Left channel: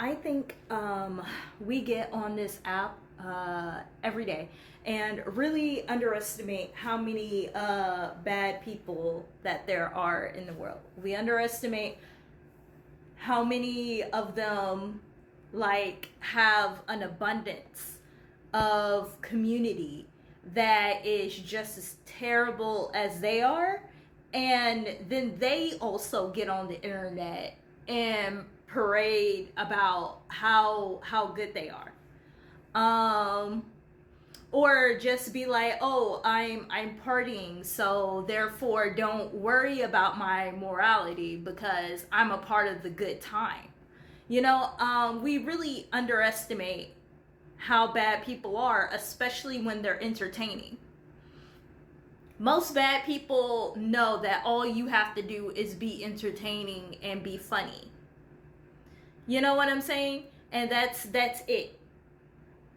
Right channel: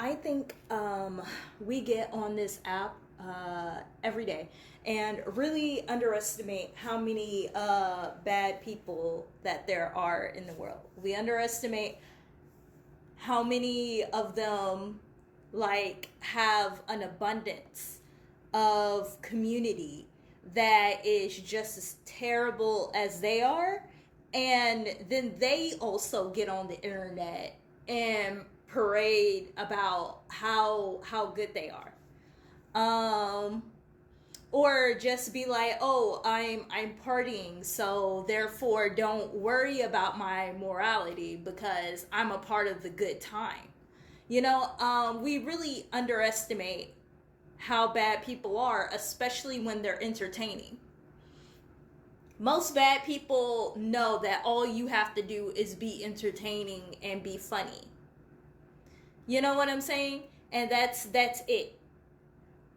I think we get on this app every day and really underestimate how many bad people that there are in the world. We underestimate how many of them like have an abundance of community that is just as terrible as they are, and then they also get on the internet and parade about how good they are, or just be like, oh, I'm partying, so therefore don't worry about my morality because I'm a part of the good time. We really underestimate how bad people are, especially when they're entertaining. Most bad people know that all you have to do is be entertaining and be funny. You know what I'm saying? And that's it.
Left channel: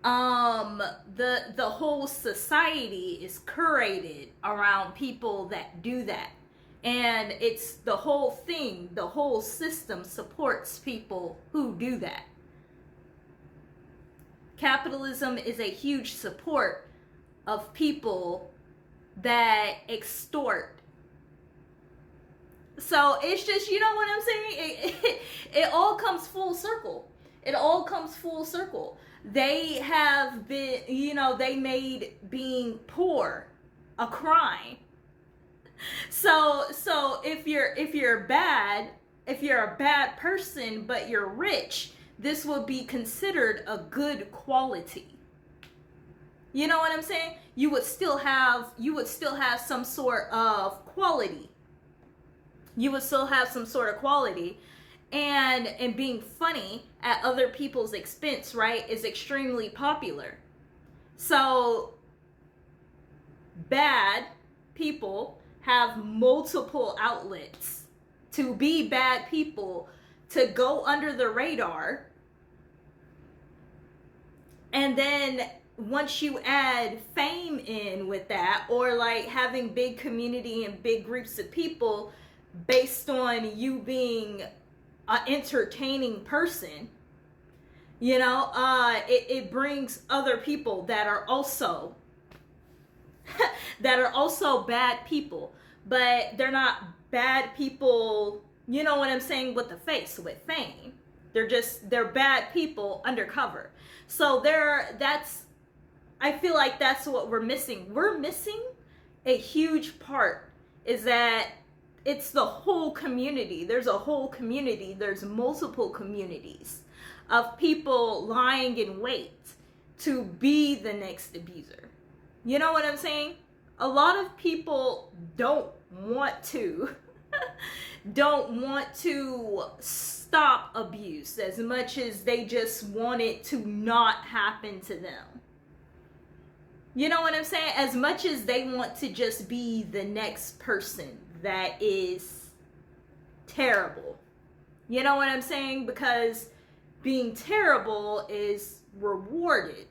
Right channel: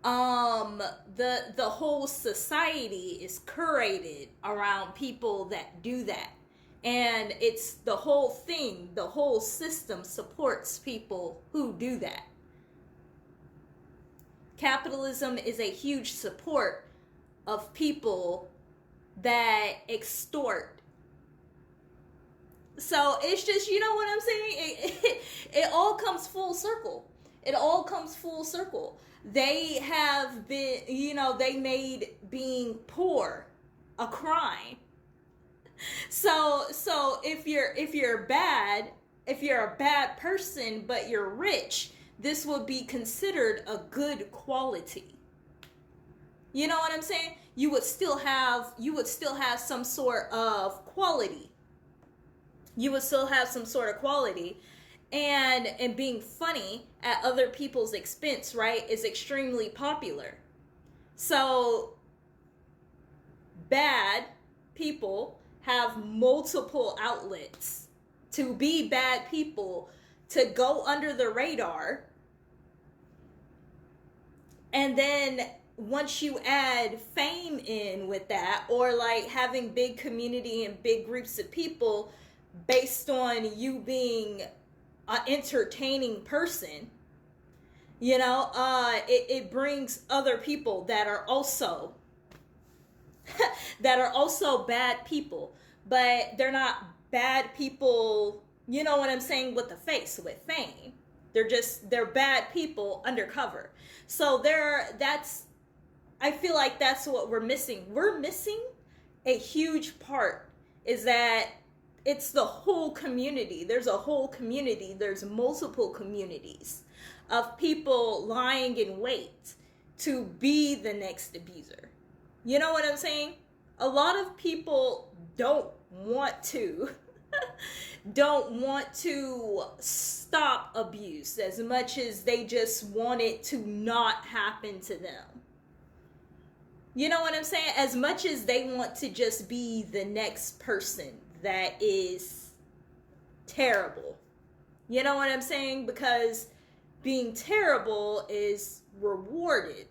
The whole society is curated around people that do that. And it's the whole thing, the whole system supports people who do that. Capitalism is a huge support of people that extort. So it's just, you know what I'm saying? It all comes full circle. It all comes full circle. They have been, they made being poor a crime. So if you're bad, if you're a bad person but you're rich, this would be considered a good quality. You know what I'm saying? You would still have some sort of quality. You would still have some sort of quality. And being funny at other people's expense, right, is extremely popular. So bad people have multiple outlets to be bad people, to go under the radar. And then once you add fame in with that, or like having big community and big groups of people based on you being an entertaining person, it brings other people that are also bad people, but they're not bad people, you know what I'm saying, with the face, with fame. They're bad people undercover. So I feel like that's what we're missing. We're missing a huge part, is that it's the whole community. There's a whole community. There's multiple communities of people lying in wait to be the next abuser. You know what I'm saying? A lot of people don't want to stop abuse as much as they just want it to not happen to them. You know what I'm saying? As much as they want to just be the next person that is terrible. You know what I'm saying? Because being terrible is rewarded.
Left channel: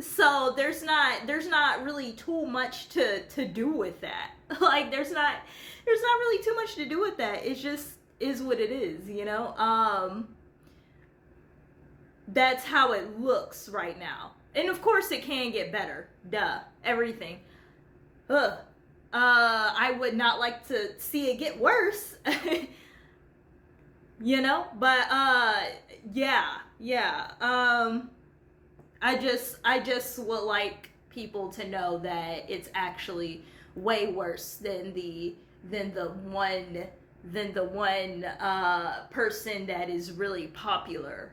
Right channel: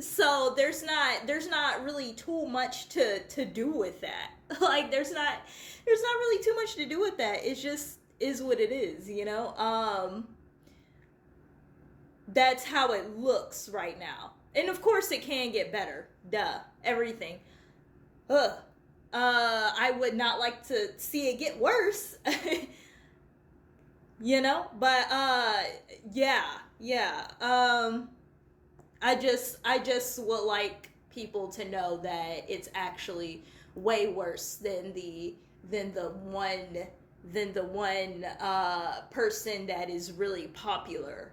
So there's not really too much to do with that. Like there's not really too much to do with that. It just is what it is, That's how it looks right now. And of course it can get better. Duh. Everything. I would not like to see it get worse. But yeah. I just would like people to know that it's actually way worse than the one person that is really popular.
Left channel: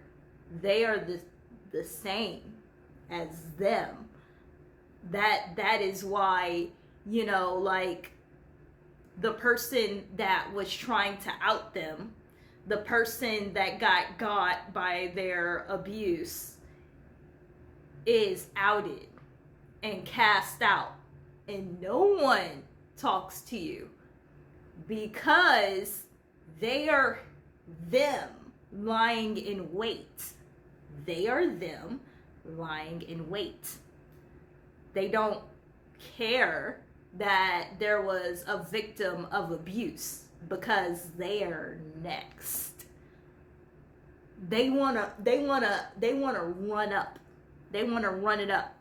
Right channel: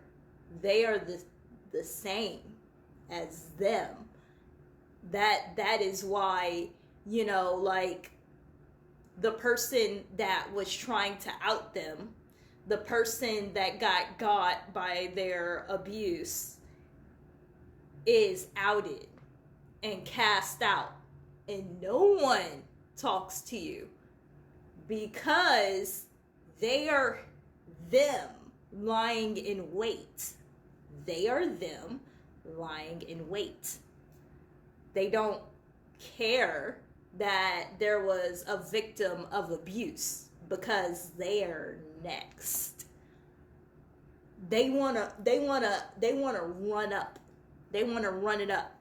They are the same as them. That is why, like the person that was trying to out them, the person that got by their abuse is outed and cast out, and no one talks to you because they are them lying in wait. They are them lying in wait. They don't care that there was a victim of abuse, because they're next. They wanna run up. They wanna run it up.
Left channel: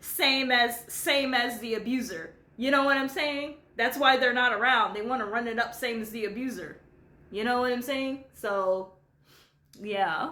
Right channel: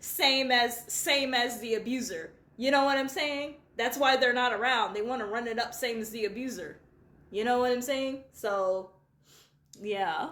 same as the abuser. You know what I'm saying? That's why they're not around. They want to run it up, same as the abuser. You know what I'm saying? So, yeah.